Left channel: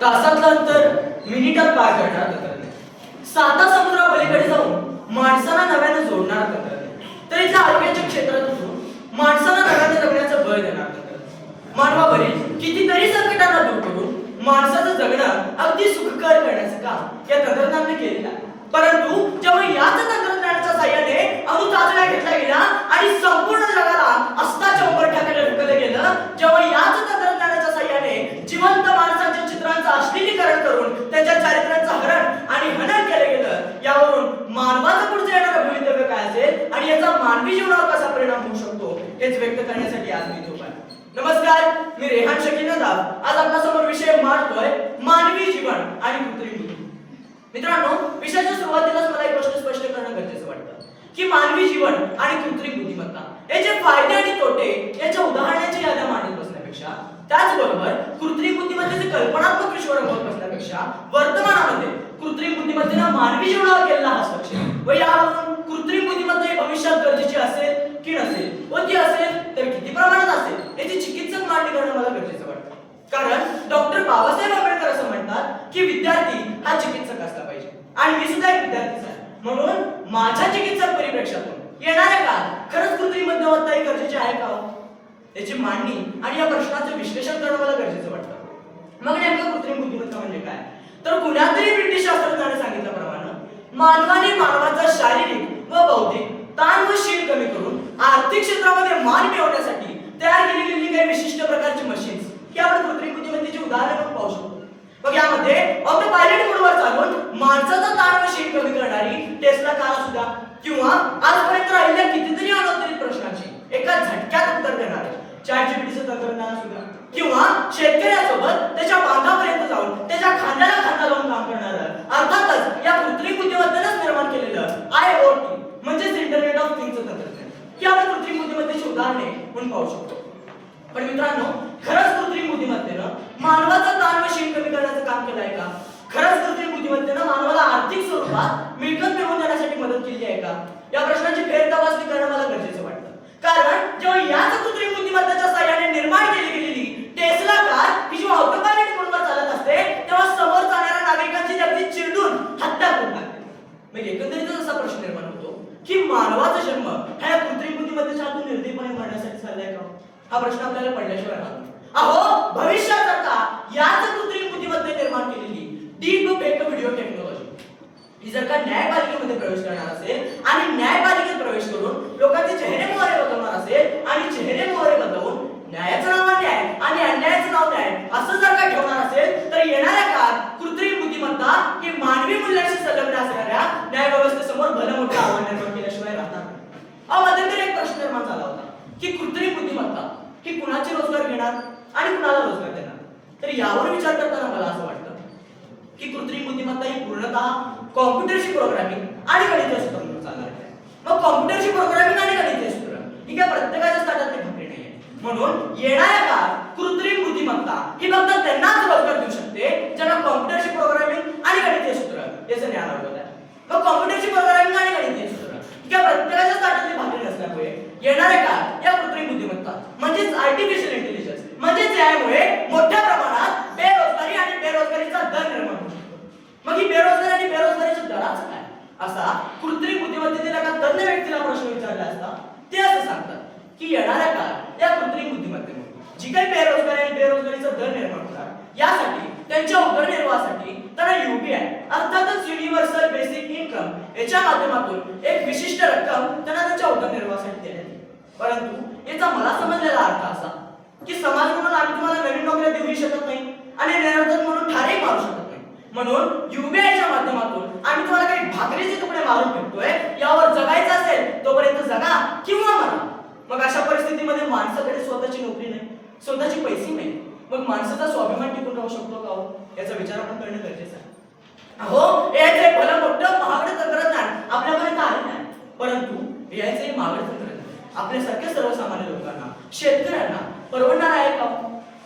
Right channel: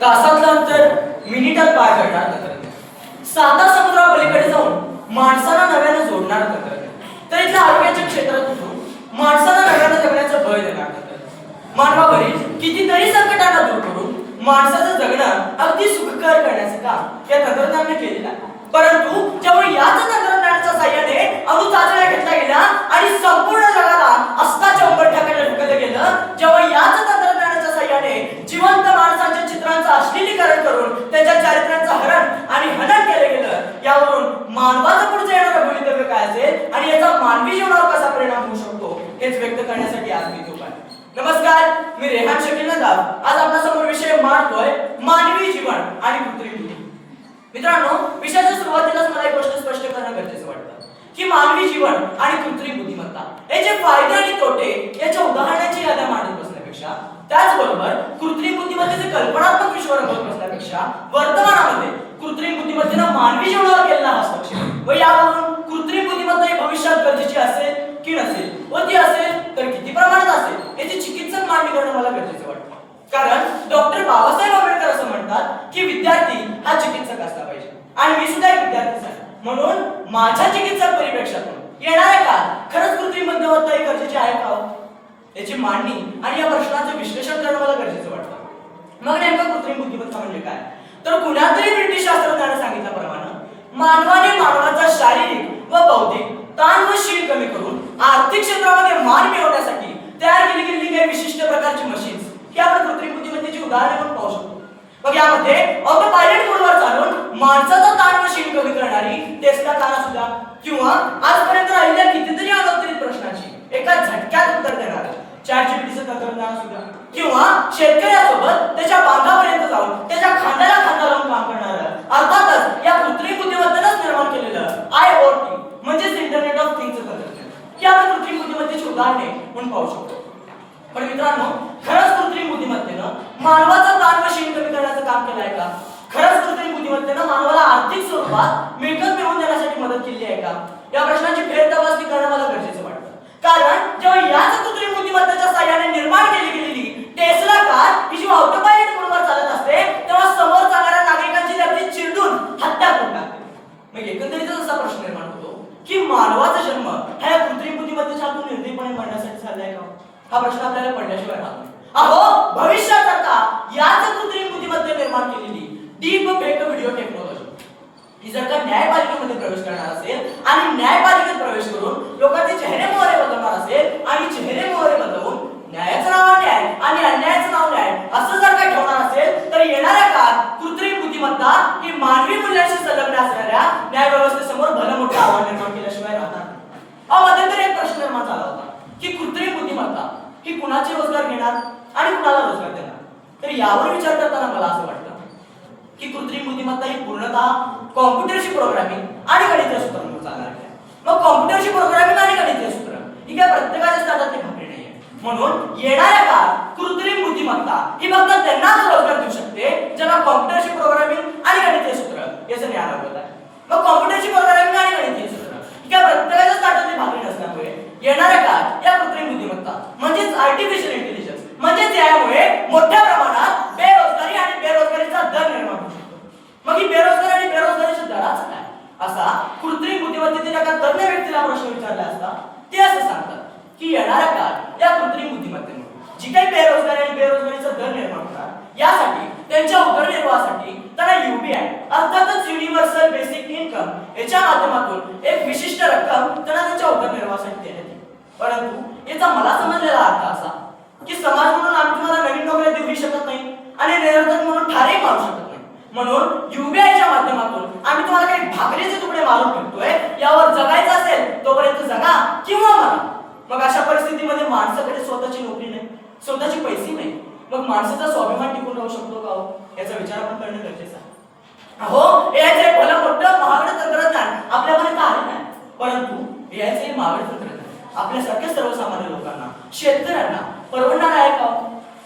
तासातलं अंतर मिनिटात पार करणार तंत्रज्ञान, साता समुद्रापलीकडे जाऊन माणसाला नव्याने जोडणार तंत्रज्ञान, तर इथल्या आरोग्याच्या क्षेत्रात उतरून माणसाला नव्याने जगण्याचं बळ देणार तंत्रज्ञान, मानवावरील कितीतरी संकटांना दूर करून माणसाचं जगणं अगदी सुखकर करण्याचं काम या तंत्रज्ञानाने केलेलं आहे. परंतु जेव्हा याच तंत्रज्ञानाच्या साह्याने अणु चाचण्या घेतल्या गेल्या आणि संपूर्ण जगाला अस्ताच्या उंबरठ्याकडे ढकललं गेलं, जेव्हा याच तंत्रज्ञानाच्या साह्याने जिवंत माणसांच्या चित्रांचं अश्लीलीकरण करून त्यांच्या चारित्र्याचं हरण आणि हनन केलं गेलं, यावरून मानवाचं पुढचं येणारं भवितव्य काय असेल आणि याचा मानवी जीवनावर कसा परिणाम होऊ शकतो हेच व्यक्त करण्यासाठी आज मी इथे आहे. नमस्कार, मी रेहान शकील नदाब आज आपल्या समोर विषय मांडतोय मानवी जीवन आणि कृत्रिम बुद्धी. मित्रांनो, विषयाच्या सुरुवातीलाच मला एक गोष्ट स्पष्ट करणं गरजेचं वाटतं की मानवी जीवन आणि कृत्रिम बुद्धिमत्ता याचे फायदे आणि तोटे याच्या उदाहरणाची याद्या मांडत बसण्यापेक्षा, त्याचबरोबर कृत्रिम बुद्धिमत्तेचे कल्पनात्मक विश्व रंगवत बसण्यापेक्षा वर्तमानामध्ये कृत्रिम बुद्धिमत्तेनं मानवी जीवनावर केलेला हस्तक्षेप व यावरून कृत्रिम बुद्धिमत्ता ही भविष्यात गरजेची असेल की नसेल व ती असेल तर किती प्रमाणात असेल याची चिकित्सक मांडणी करणं मला गरजेचं वाटतं. कारण डॉक्टर बाबासाहेब आंबेडकर असं म्हणतात की विद्यार्थी हा चिकित्सक असला पाहिजे आणि मी सुद्धा एक विद्यार्थीच आहे. म्हणून माझ्या चिकित्सक परिप्रेक्षातून येणाऱ्या काळात खरंच कृत्रिम बुद्धिमत्ता ही गरजेची आहे का याची मांडणी आणि या प्रश्नाचं विश्लेषण करणं मला गरजेचं वाटतं. मग नेमकं कृत्रिम बुद्धिमत्ता म्हणजे काय, तर कुणातरी ब्रिटिश शास्त्रज्ञाने सांगितल्याप्रमाणे मानवाने मानवाचा शारीरिक व बौद्धिक ताण व शीण कमी करून आर्थिक क्षेत्रामध्ये मान मिळवण्यासाठी तयार केली गेलेली काही विशिष्ट प्रकारची मशीन्स ही आपण कृत्रिम बुद्धिमत्तेची उदाहरणे म्हणून पाहू शकतो. मग यामध्ये ऑटो पायलट मोडवर चालून माणसाचा ताण व शीण कमी करणारी टेस्ला कार असू द्या किंवा आजपर्यंत राहिलेल्या कितीतरी अनौत्तरित प्रश्नांची एका झटक्यात उत्तर देणारे ChatGPTचं तंत्रज्ञान असू द्या किंवा शेतकऱ्यासोबत त्याच्या बांधापर्यंत जाऊन त्याच्या खांद्याला खांदा लावून काम करणारं अर्थातच या कृत्रिम बुद्धिमत्तेनंच निर्माण केलेलं IoT म्हणजेच इंटरनेट ऑफ थिंग्सचं तंत्रज्ञान ही आपण कृत्रिम बुद्धिमत्तेची उदाहरणे म्हणून पाहू शकतो. पण मित्रांनो, खरंच कृत्रिम बुद्धिमत्तेनं मानवाचा ताण व शीण कमी करण्याचं काम केलं आहे का? खरंच कृत्रिम बुद्धिमत्तेनं मानवाला आर्थिक स्वरूपात मिळकत मिळवून देण्यासाठी मदत केली आहे का? या प्रश्नांची फेरतपासणी करणं मला गरजेचं वाटतं. कारण जेव्हा याच कृत्रिम बुद्धिमत्तेच्या साह्याने निर्माण केली गेलेली टेस्ला कार ही जेव्हा ऑटो पायलट मोडवर चालत असते तेव्हा समोर जाणाऱ्या नागरिकांची अगदी चिरडून हत्या करून टाकते. मग एकंदरीतच असा प्रश्न निर्माण होतो की मानवाचा जन्म हा या कृत्रिम बुद्धिमत्तेच्या हातून निर्दयीपणे मरण्यासाठी झालाय का? हा प्रश्न आपल्याला पडल्याशिवाय राहतो. अहो, भविष्यात का याच कृत्रिम बुद्धिमत्ते निर्माण केलेली डीप फेक व्हिडिओ टेक्नॉलॉजी ही जर का न्यायपालिकेमध्ये प्रवेश करणार असेल आणि न्यायपालिकेत प्रवेश करून लोकांचे चेहरे मोहरे बदलणार असेल आणि चेहरे मोहरे बदलून न्यायाचं नाव न्याय आणि अन्यायाचं नाव न्याय असं जर का ठेवणार असेल तर येणाऱ्या काळात कृत्रिम बुद्धिमत्ता ही मानवी मूल्यांशी संलग्न असणाऱ्या न्याय व्यवस्थेसमोर भलं मोठं आव्हान निर्माण केल्याशिवाय राहणार नाही. मध्यंतरी एक प्रश्न निर्माण झाला होता की कृत्रिम बुद्धिमत्ता ही कुणाचे रोजगार घेणार आणि कुणाला रोजगार देणार. तर यावर विचार करताना मला असं वाटतं की कृत्रिम बुद्धिमत्ता ही पूर्णतः कॉम्प्युटरशी प्रोग्रामिंग आणि गणितीय सूत्रांवर चालणार आहे. मग कॉम्प्युटरशी प्रोग्रामिंग आणि गणितीय सूत्र ही काय प्रत्येकाच्या ताटातली भाकरी नाहीये. म्हणून येणाऱ्या काळात कृत्रिम बुद्धिमत्ता ही फक्त त्यांनाच रोजगार देऊ शकते ज्यांना कॉम्प्युटरशी प्रोग्रामिंग आणि गणितीय सूत्र याचं ज्ञान अवगत आहे. मग कॉम्प्युटरशी प्रोग्रामिंग आणि गणितीय सूत्र ही काय प्रत्येकाच्या ताटातली भाकरी नसल्यामुळे येणाऱ्या काळात या कृत्रिम बुद्धिमत्ता म्हणजेच आर्टिफिशियल इंटेलिजन्स म्हणजेच यामुळे मोठ्या प्रमाणात बेरोजगारी आणि बेरोजगारीचा दर निर्माण होऊ शकतो. मग ही बेरोजगारी आणि बेरोजगारीच्या दराचं काय असा कृत्रिम बुद्धिमत्तेतील एका तज्ञ व्यक्तीला प्रश्न विचारला असता ते असं सांगतात की येणाऱ्या काळात या कृत्रिम बुद्धिमत्तेमुळे जी काही बेरोजगारी आणि बेरोजगारीचा दर निर्माण होणार यासाठी त्यांच्या उदरनिर्वाहासाठी त्यांना UBI अर्थातच युनिव्हर्सल बेसिक इन्कम याच्या माध्यमातून एक विशिष्ट रक्कम त्यांना त्यांच्या उदरनिर्वाहासाठी देण्यात येईल. परंतु याचा मला समजलेला अर्थ असा की समाज म्हणून आम्ही तुम्हाला नवीन नोकऱ्या देऊ शकत नाही आणि निरर्थक म्हणून ठारे मारू शकत नाही. म्हणून UBIच्या माध्यमातून आम्ही तुम्हाला काही भाकरीचे तुकडे मारून फेकतोय. यावर जगायचं असेल तोपर्यंत जगा किंवा मरा. मग अशा परिस्थितीमध्ये माणसाकडे स्वतःची नोकरी नाही, स्वतःची पैसे नाही, मग माणसाचा स्वाभिमान टिकून राहू शकतो का याचा विचार आपण करणं गरजेचं आहे. अहो, याचे भलं मोठं महागडं तंत्रज्ञान आपल्यापर्यंत आले नाही, परंतु याचे महागडं तंत्रज्ञान आपल्यासारख्या सर्वसामान्य लोकांना शेतकऱ्यांना परवडणार आहे का?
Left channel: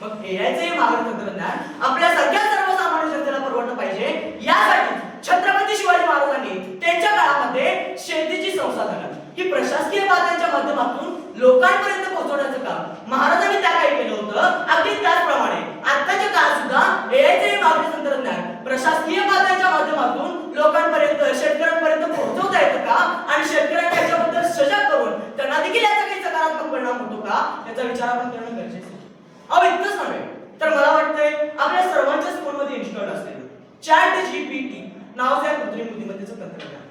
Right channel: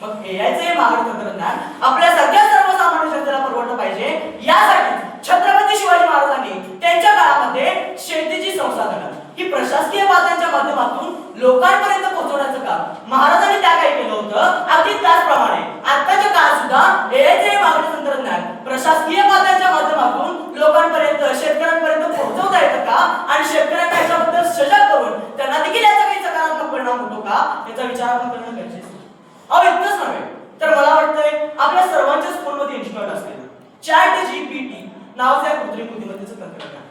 मग एआयचे महागडं तंत्रज्ञान आपल्यासारख्या सर्वसामान्य जनतेला परवडलं पाहिजे यासाठी छत्रपती शिवाजी महाराजांनी त्यांच्या काळामध्ये शेतीची संसाधनं ही प्रशासकीय वादांच्या माध्यमातून लोकांपर्यंत पोहोचवण्याचं काम महाराजांनी त्या काही केलं होतं. अगदी त्याचप्रमाणे आताच्या काळात सुद्धा एआयचे महागडं प्रशासकीय पातळीच्या माध्यमातून लोकांपर्यंत शेतकऱ्यांपर्यंत पोहोचवता येतं का आणि शेतकऱ्यांना याच्याबद्दल सजग करून त्यांना देखील याचा काही सकारात्मक परिणाम होतो का याचा विचार आपण करणं गरजेचं आहे. अहो इतकंच नव्हे तर मला वाटतंय आपल्या सर्वांच्या स्कूलमध्ये इन्स्टॉल असलेलं ChatGPT नावाचं या कृत्रिम बुद्धिमत्तेचं तंत्रज्ञान.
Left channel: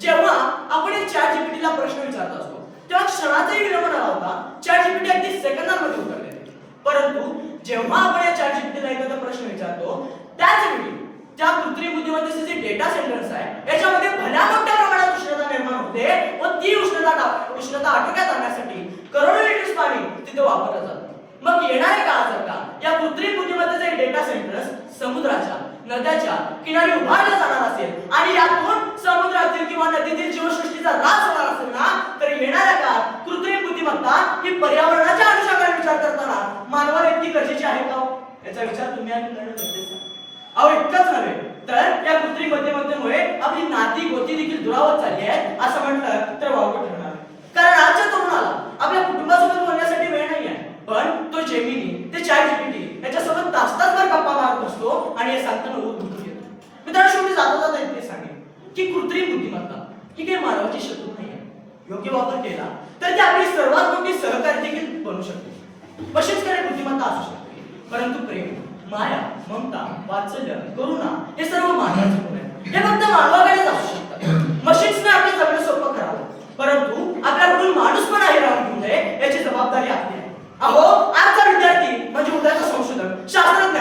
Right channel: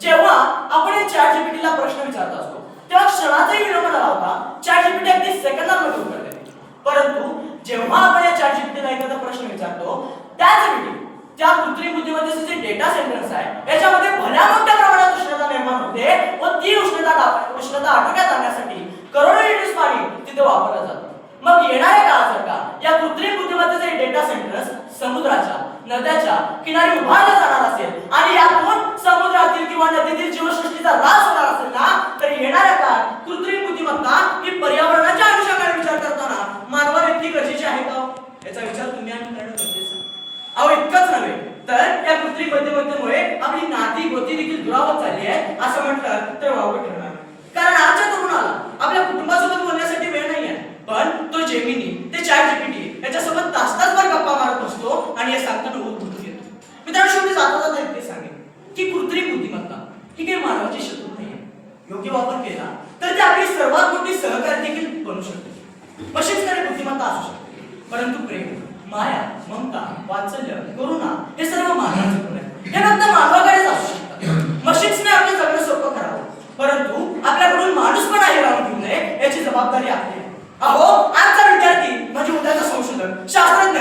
जेव्हा आपण या ChatGPT प्रश्न विचारत असतो तेव्हा क्षणाचाही विलंब न लावता ChatGPT अगदी सेकंदामध्ये उत्तर देते. परंतु जेव्हा आपण या ChatGPT एखादा प्रश्न विचारतो त्याच वेळी त्या कृत्रिम बुद्धिमत्तेचे जे डेटा सेंटर्स आहे याच्यामध्ये भल्या मोठ्या प्रमाणात उष्णता निर्माण होते व ती उष्णता आटोक्यात आणण्यासाठी करोडो लिटर्स पाणी तिथे वापरलं जातं. मग येणाऱ्या काळात जर का या कृत्रिम बुद्धिमत्तेचे डेटा सेंटर्स समुद्राच्या नद्याच्या किनारी उभारले जाणार असेल आणि यातून समुद्रातील किंवा नदीतील जीवसृष्टीचा ऱ्हास होणार असेल ना तर येणाऱ्या काळात कृत्रिम बुद्धिमत्ता ही पर्यावरणाच्या अनुषंगाने विचार करताना मानवाला इतकी गरजेची आहे का याचा विचार तुम्ही आणि करणं गरजेचं आहे. अहो इतकंच नव्हे तर या कृत्रिम बुद्धिमत्तेमुळे आपली नाती गोती देखील दुरावत चालली आहे असं म्हटलं तर वावगं ठरणार. कारण आजच्या तरुणाला आपल्या कुटुंबासोबत बोलण्यासाठी वेळ नाही आहे पण तो जेमिनी ते ChatGPT याच्यासोबत तास-तासभर गप्पा मारत असतो आणि हे सांगताना उठून येतो. मित्रांनो शेवटी जाता इतके सांगेन की कृत्रिम बुद्धिमत्ता ही काही मानवाची शत्रू नाही आहे. योग्य वापर केला तर ती आपली सर्वात मोठी सहकारी देखील बनू शकते. मशीन्सकडे बुद्धिमत्ता असू शकते परंतु प्रेम माया ममता वात्सल्य करुणा हे सर्व मानवाचे गुण आहेत. हे फक्त मानवाकडेच असू शकतात. मशीन्सने आपलं जगणं सोपं करावं परंतु आपल्याकडून माणूसपणा हिरावून घेऊ नये याची जबाबदारी आपली आहे. अहो आजचा विद्यार्थी म्हणजे उद्याचा संशोधक शास्त्रज्ञ